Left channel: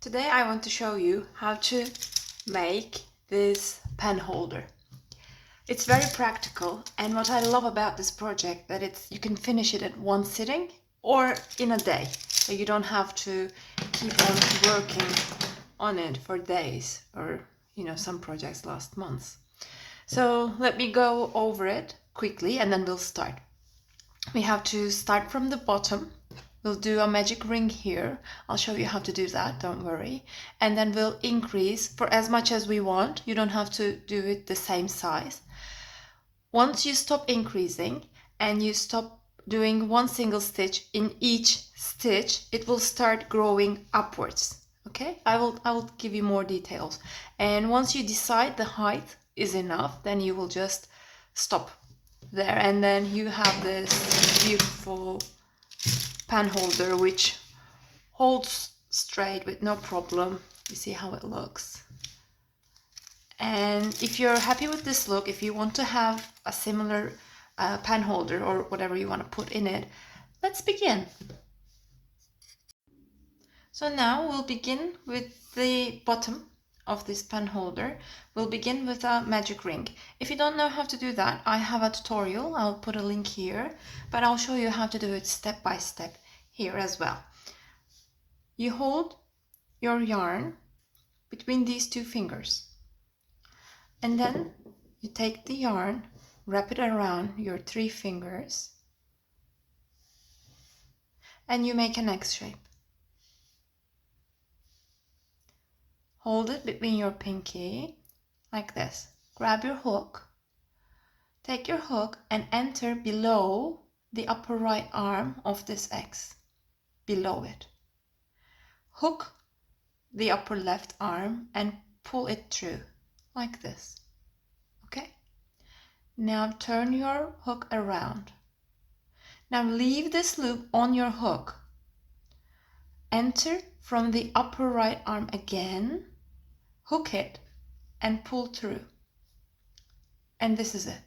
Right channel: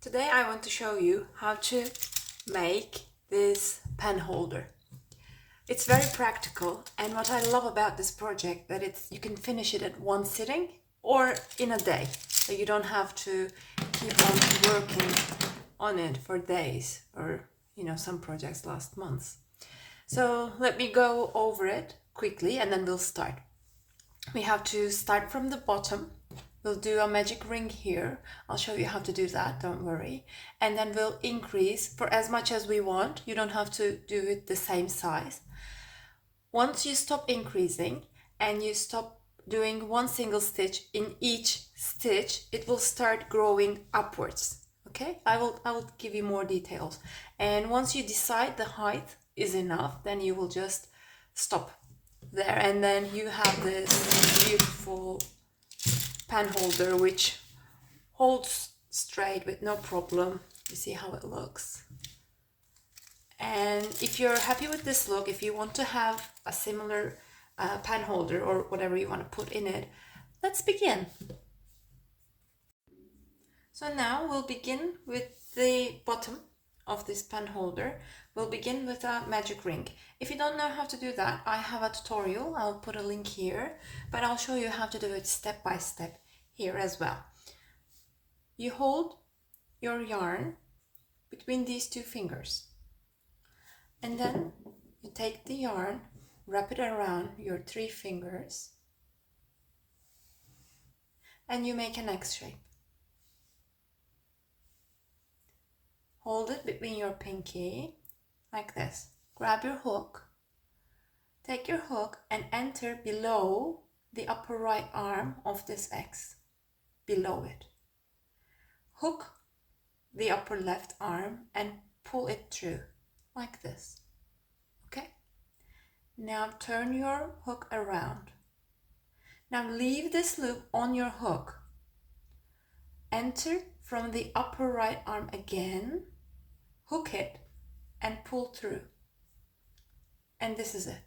Today I want to show you how to make this pen holder. It's very practical, and what I love about this project that you can finish it at one sitting or in a day, so you don't have to keep on working on it for days, or some projects last months. So let me go over it quickly and then we'll start. We have to start from the bottom. We'll do a magic ring here. I'll show you how to do that, don't worry. And then we'll increase for as much as we want. You don't have to do it the same size. Once you stop increasing and you stop doing one single stitch in each stitch, it will start growing upwards. Okay, I will give you more details. And once you decide the height is enough, then you will just stop there, and then you have this beautiful pen holder which holds straight with no problem. You see how it looks. And if you're happy with this look, if you want to have a similar pen holder or whatever you want to put in it, let's begin. So now we'll begin with the bottom of this pen holder. We'll begin with a magic ring. If you don't know how to do that, I have a tutorial. I'll put a link here, but I'll show you how to do it step by step here as well. You hold your yarn between these two fingers, and then you take the yarn, wrap it around your three fingers, and you make an X shape. Hold it between your pinky like this. Grab your hook, take your hook and enter below the upper right arm of this X, below it. Hook the upper left arm and pull it through like this. Okay? Now turn your hook around. Now leave this loop on your hook. Enter from the upper right arm again, hook it and pull through. And this is it.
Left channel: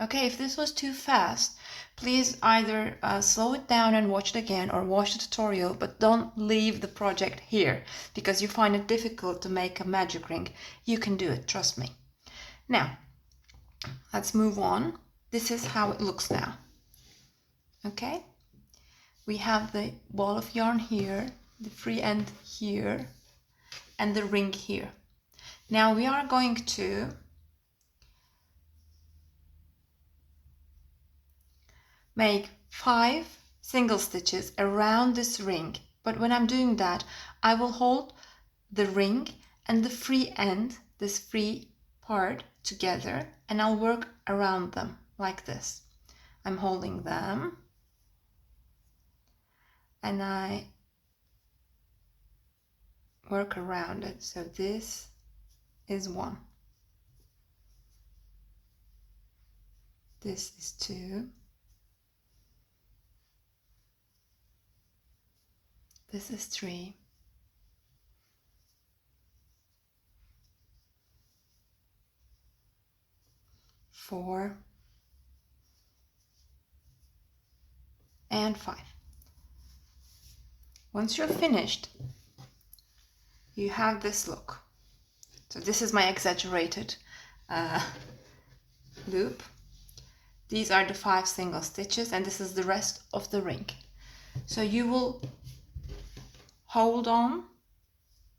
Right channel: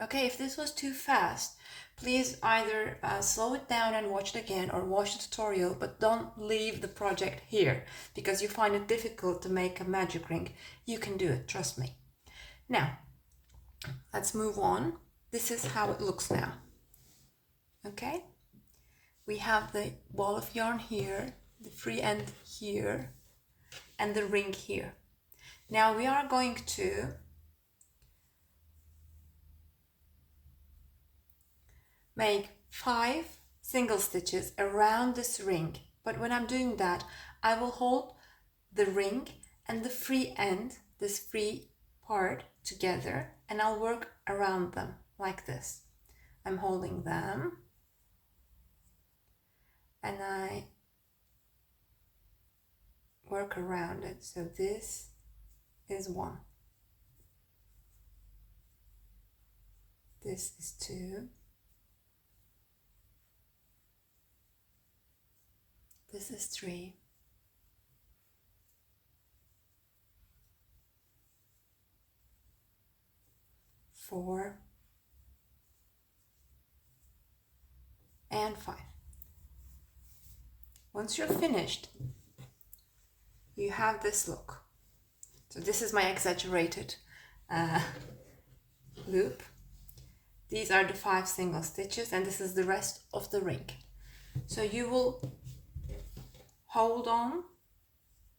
Okay, if this was too fast, please either slow it down and watch it again or watch the tutorial, but don't leave the project here because you find it difficult to make a magic ring. You can do it, trust me. Now, let's move on. This is how it looks now. Okay, we have the ball of yarn here, the free end here, and the ring here. Now we are going to make 5 single stitches around this ring, but when I'm doing that, I will hold the ring and the free end, this free part, together, and I'll work around them like this. I'm holding them and I work around it. So this is 1, this is 2, this is 3, four, and 5. Once you're finished, you have this look. So this is my exaggerated loop. These are the 5 single stitches, and this is the rest of the ring. So you will hold on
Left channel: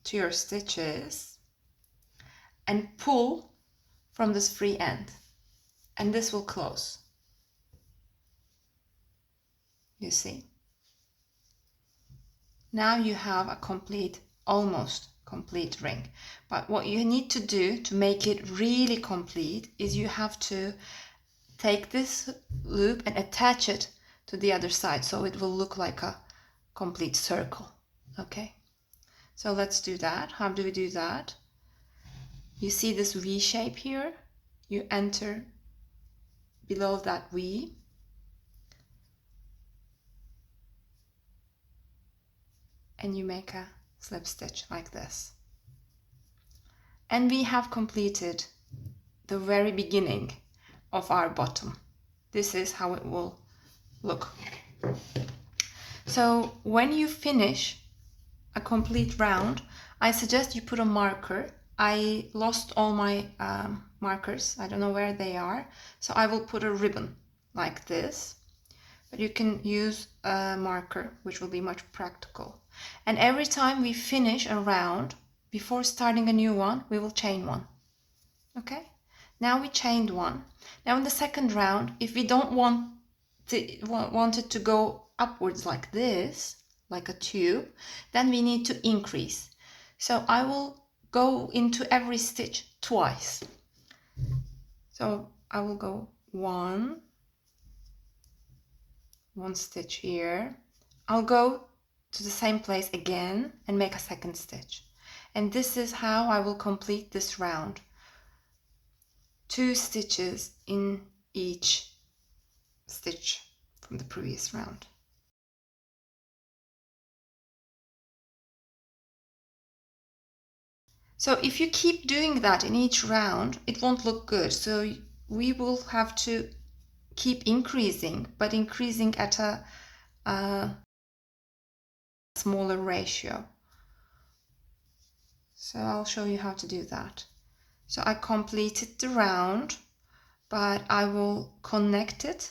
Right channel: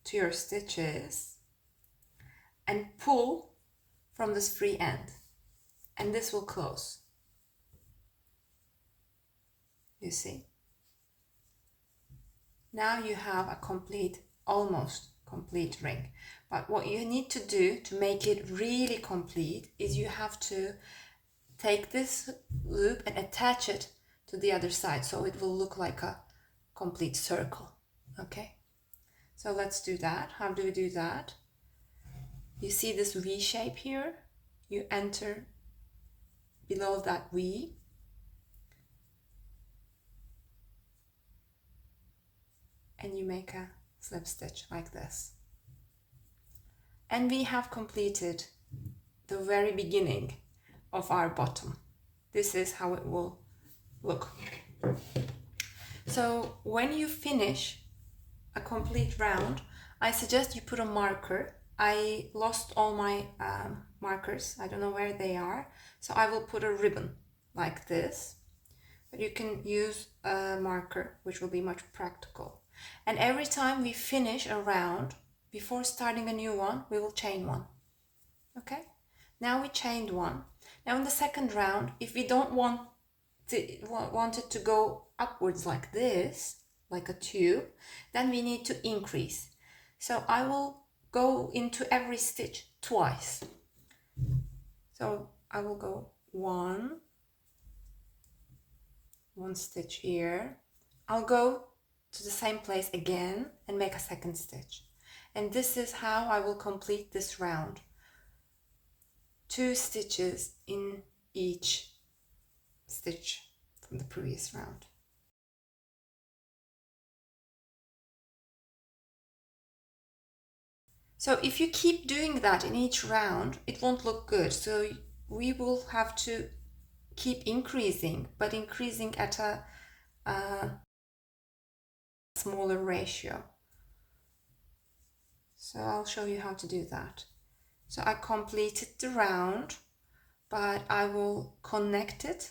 to your stitches and pull from this free end, and this will close. You see? Now you have a almost complete ring. But what you need to do to make it really complete is you have to take this loop and attach it to the other side so it will look like a complete circle. Okay, so let's do that. How do we do that? You see this V shape here? You enter below that V, and you make a slip stitch like this. And we have completed the very beginning of our bottom. This is how it will look. So when you finish a complete round, I suggest you put a marker. I lost all my markers. I don't know where they are. So I will put a ribbon like this. But you can use a marker, which will be much practical. And every time we finish a round, before starting a new one, we will chain one. Okay? Now we chained one. Now in the second round, if we don't want it to go upwards like this, like a tube, then we need to increase. So I will go into every stitch twice. So I will go one stitch here. I'll go to the same place again and make a second stitch. And this is how I will complete this round. 2 stitches in each stitch from the previous round. So if you keep doing that in each round, it won't look good. So we will have to keep increasing, but increasing at a smaller ratio. So I'll show you how to do that. So I completed the round, but I will connect it.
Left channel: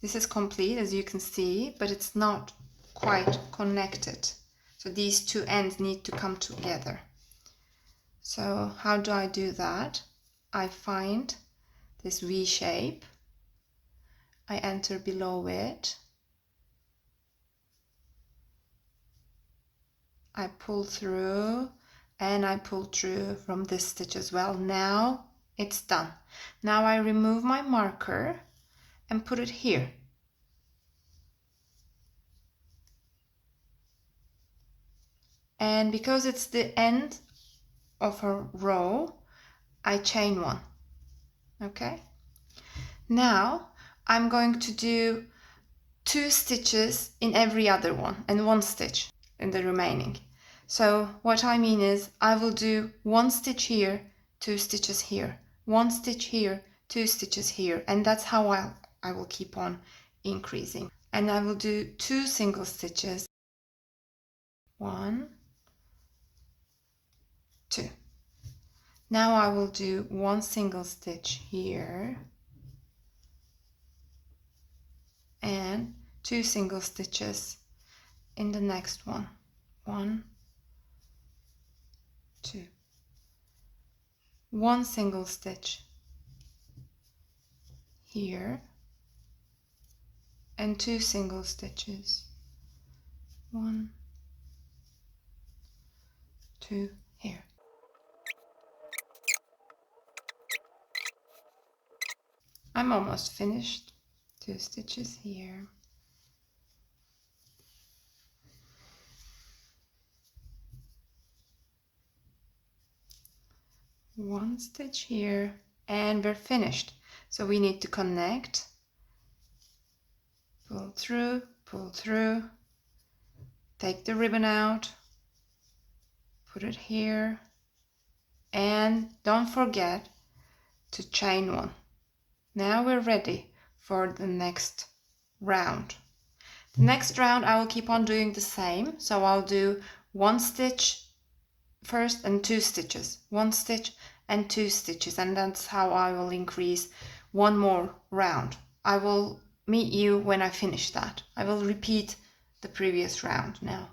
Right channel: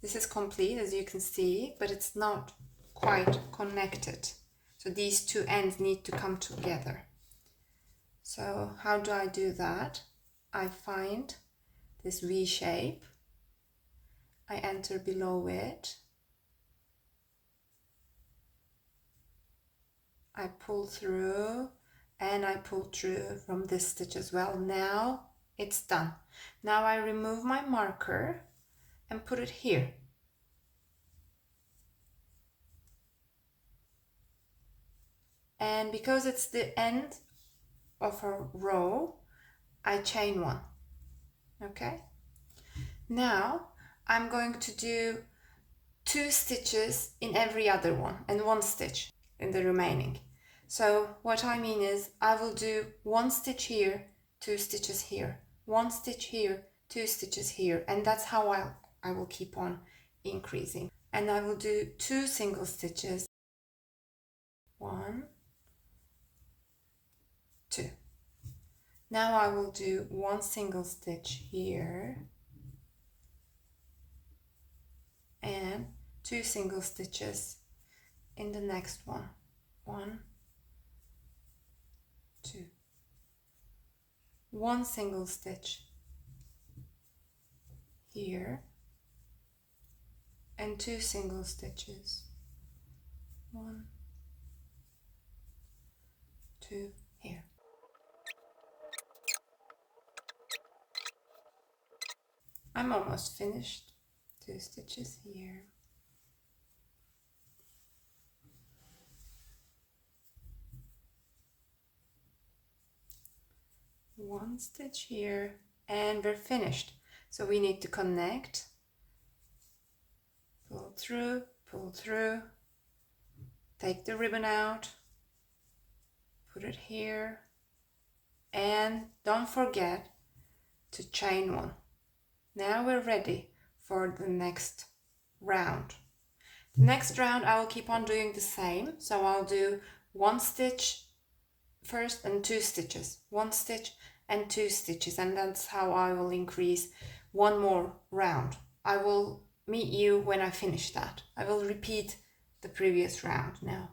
This is complete, as you can see, but it's not quite connected. So these two ends need to come together. So how do I do that? I find this V shape. I enter below it. I pull through and I pull through from this stitch as well. Now it's done. Now I remove my marker and put it here. And because it's the end of a row, I chain one. Okay? Now I'm going to do 2 stitches in every other one and 1 stitch in the remaining. So what I mean is I will do 1 stitch here, 2 stitches here, 1 stitch here, 2 stitches here, and that's how I will keep on increasing. And I will do 2 single stitches, 1, 2. Now I will do 1 single stitch here and 2 single stitches in the next one, 1, 2. 1 single stitch here and 2 single stitches, 1, 2 here. I'm almost finished. 2 stitches here. One stitch here, and we're finished. So we need to connect, pull through, take the ribbon out, put it here, and don't forget to chain one. Now we're ready for the next round. The next round I will keep on doing the same. So I'll do 1 stitch first and 2 stitches, 1 stitch and 2 stitches, and that's how I will increase 1 more round. I will meet you when I finish that. I will repeat the previous round now.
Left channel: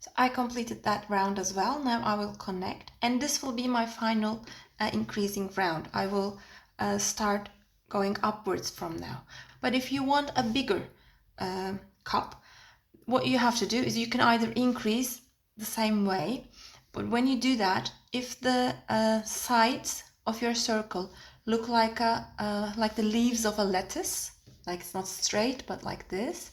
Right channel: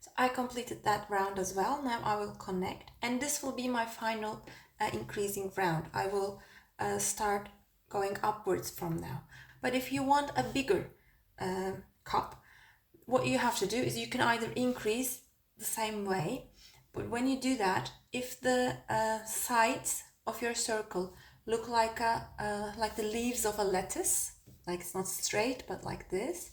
So I completed that round as well. Now I will connect, and this will be my final increasing round. I will start going upwards from now. But if you want a bigger cup, what you have to do is you can either increase the same way, but when you do that, if the sides of your circle look like the leaves of a lettuce, like it's not straight but like this,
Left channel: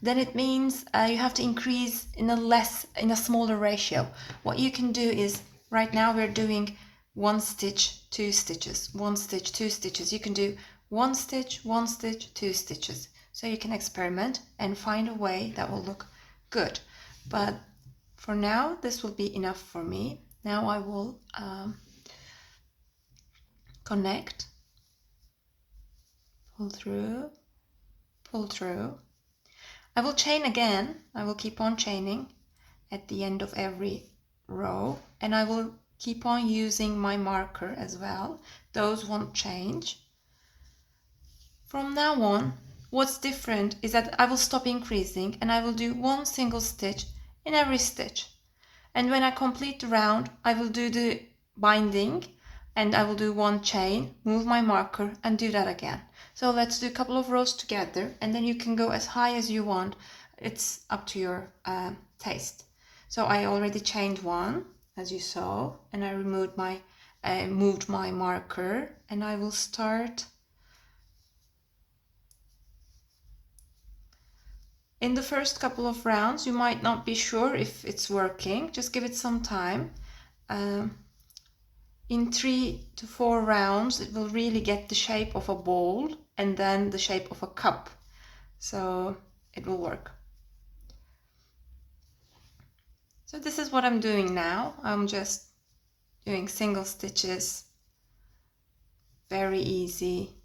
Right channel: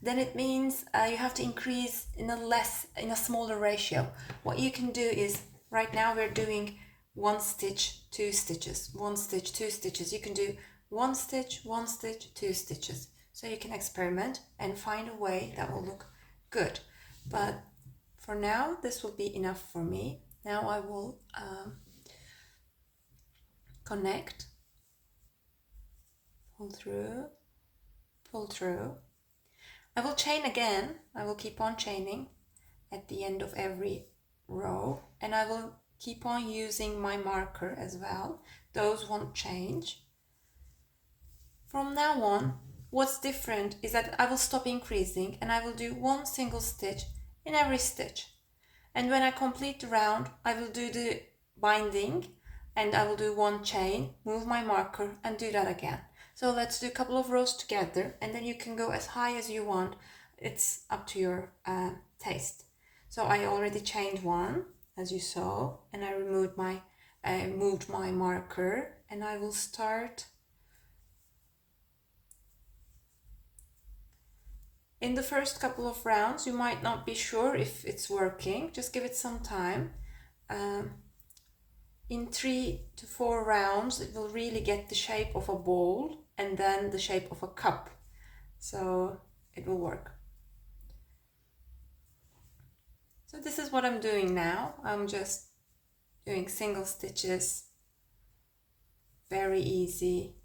then it means you have to increase in a smaller ratio. What you can do is, right now we're doing 1 stitch, 2 stitches, 1 stitch, 2 stitches. You can do 1 stitch, 1 stitch, 2 stitches. So you can experiment and find a way that will look good. But for now, this will be enough for me. Now I will connect, pull through. I will chain again. I will keep on chaining at the end of every row, and I will keep on using my marker as well. Those won't change. From now on, what's different is that I will stop increasing and I will do one single stitch in every stitch. And when I complete the round, I will do the binding and I will do one chain, move my marker and do that again. So let's do a couple of rows together, and then you can go as high as you want. It's up to your taste. So I already chained one, as you saw, and I moved my marker, and I will start. In the first couple of rounds, you might not be sure if it's working. Just give it some time. In 3 to 4 rounds, it will really get the shape of a bowl and then the shape of a cup. So it will work. So this is what I'm doing now. I'm just doing single stitches. Very easy.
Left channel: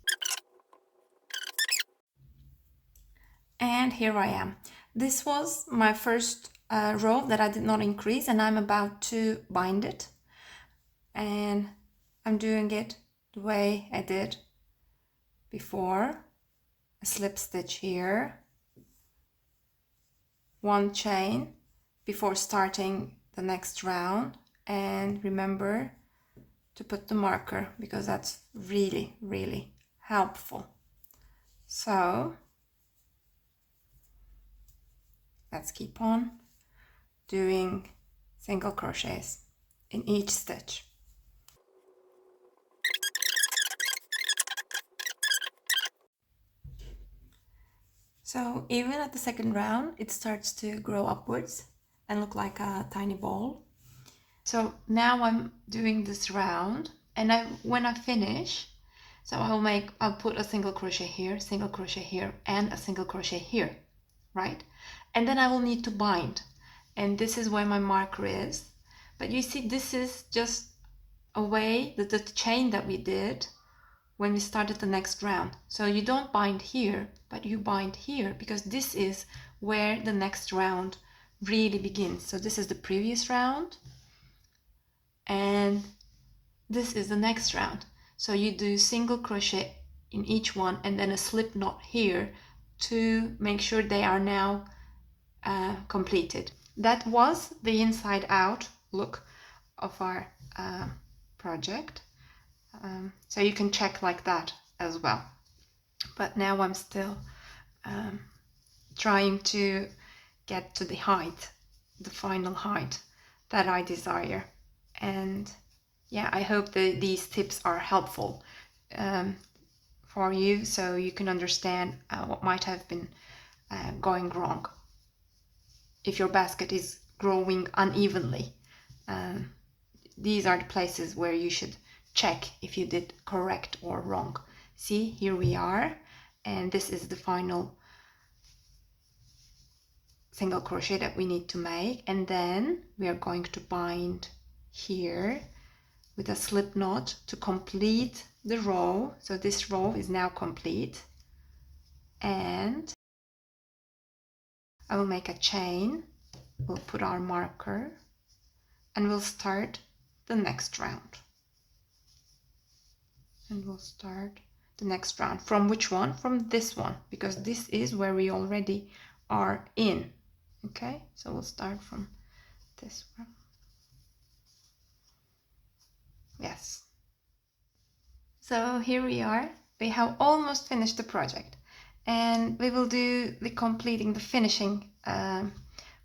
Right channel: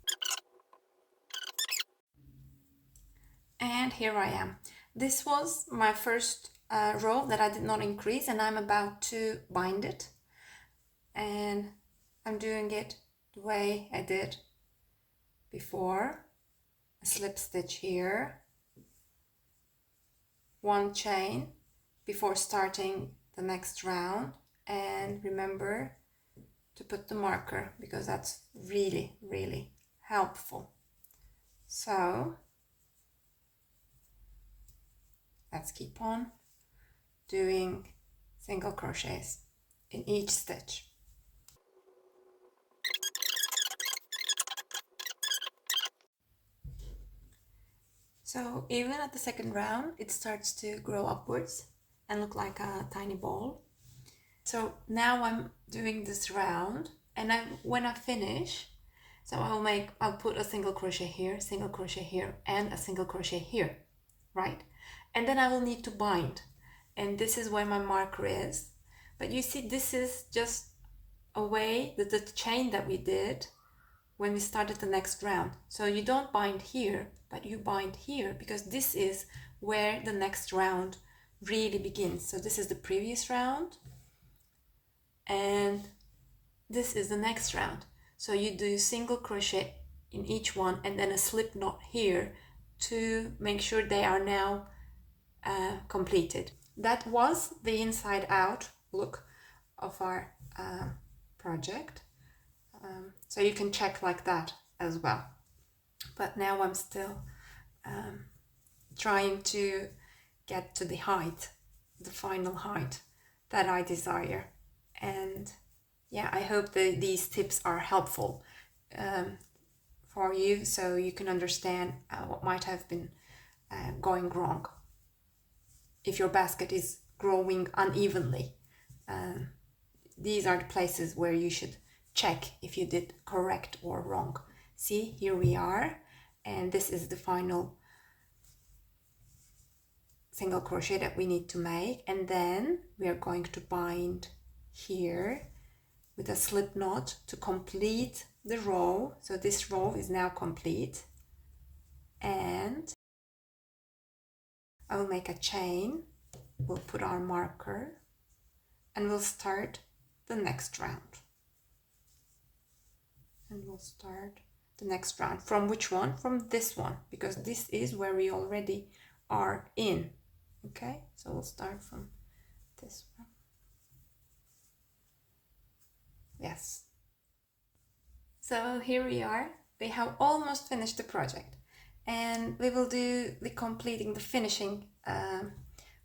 And here I am. This was my first row that I did not increase, and I'm about to bind it. And I'm doing it the way I did before. A slip stitch here, one chain before starting the next round, and remember to put the marker because that's really, really helpful. So let's keep on doing single crochets in each stitch. So even at the second round, it starts to grow upwards and look like a tiny ball. So now I'm doing this round, and when I finish, so I'll put a single crochet here, and a single crochet here, right? And then I will need to bind, and this is where my marker is. But you see, this is just a way that the chain that we did when we started the next round. So you don't bind here, but you bind here, because this is where the next round really begins. So this is the previous round, and this is the next round. So you do single crochet in each one and then a slip knot here to make sure they are now completed. That was the inside out look of our project. So you can check like that as well. But now I'm still trying to get to the height, the final height that I desire. And yeah, I hope that these tips are helpful for you, so you can understand what might have been going wrong if your basket is growing unevenly. These are the places where you should check if you did correct or wrong. See, here we are, and this is the final single crochet that we need to make, and then we are going to bind here with a slip knot to complete the row. So this row is now complete, and I will make a chain, we'll put our marker, and we'll start the next round. And we'll start the next round. From which one? From this one, because this is where we already are in. Okay, so we'll start from this one. Yes. So here we are. We have almost finished the project, and we will do the completing, the finishing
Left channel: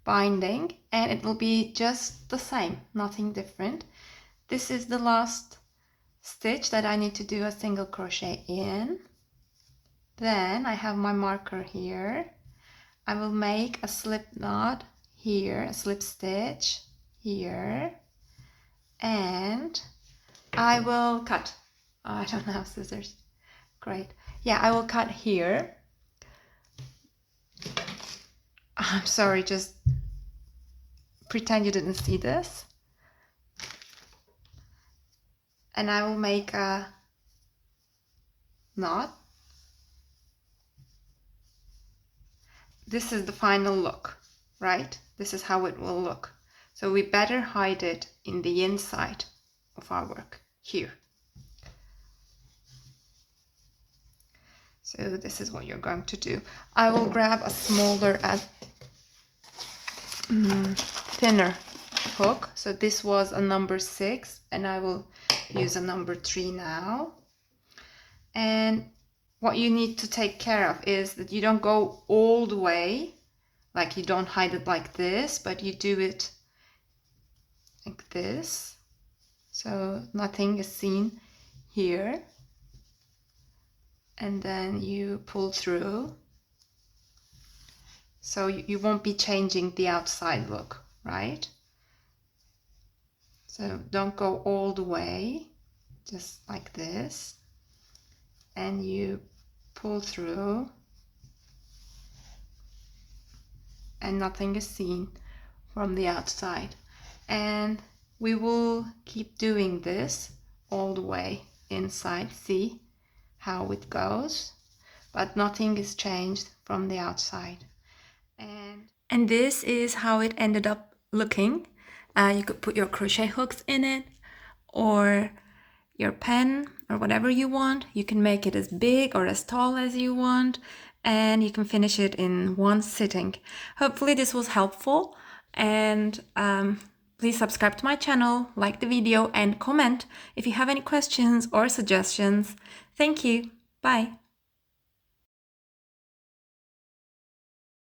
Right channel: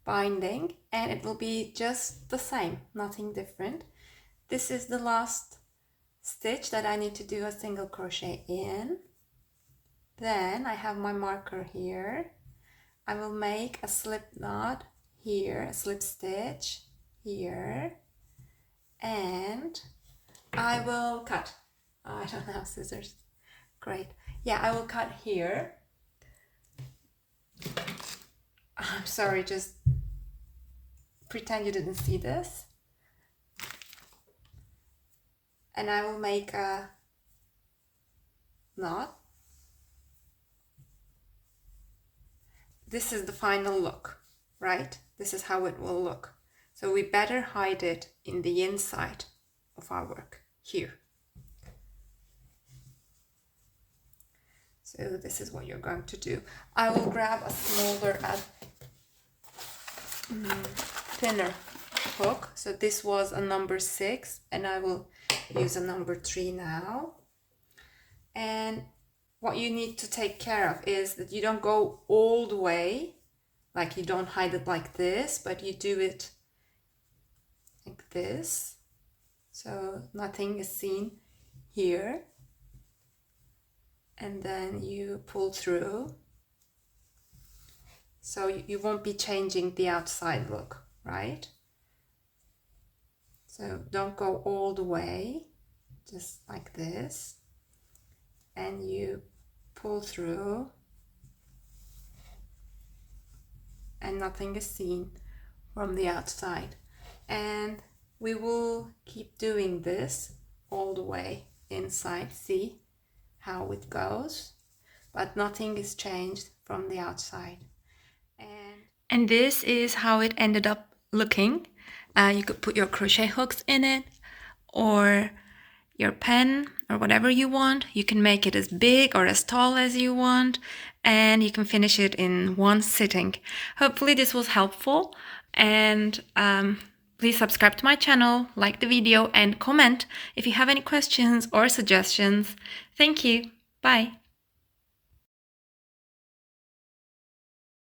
binding, and it will be just the same, nothing different. This is the last stitch that I need to do a single crochet in. Then I have my marker here. I will make a slip knot here, a slip stitch here, and I will cut. Oh, I don't have scissors. Great. Yeah, I will cut here. I'm sorry, just pretend you didn't see this. And I will make a knot. This is the final look, right? this is how it will look. So we better hide it in the inside of our work here. So this is what you're going to do. I will grab a smaller thinner hook. So this was a number 6 and I will use a number 3 now. And what you need to take care of is that you don't go all the way, like you don't hide it like this, but you do it like this. So nothing is seen here. And then you pull through. So you won't be changing the outside look, right? So don't go all the way, just like this. And you pull through. And nothing is seen from the outside. And we will keep doing this all the way inside. See how it goes, but nothing is changed from the outside. And this is how it ended up looking. You could put your crochet hooks in it or your pen or whatever you want. You can make it as big or as tall as you want, and you can finish it in one sitting. Hopefully this was helpful, and please subscribe to my channel, like the video, and comment if you have any questions or suggestions. Thank you. Bye.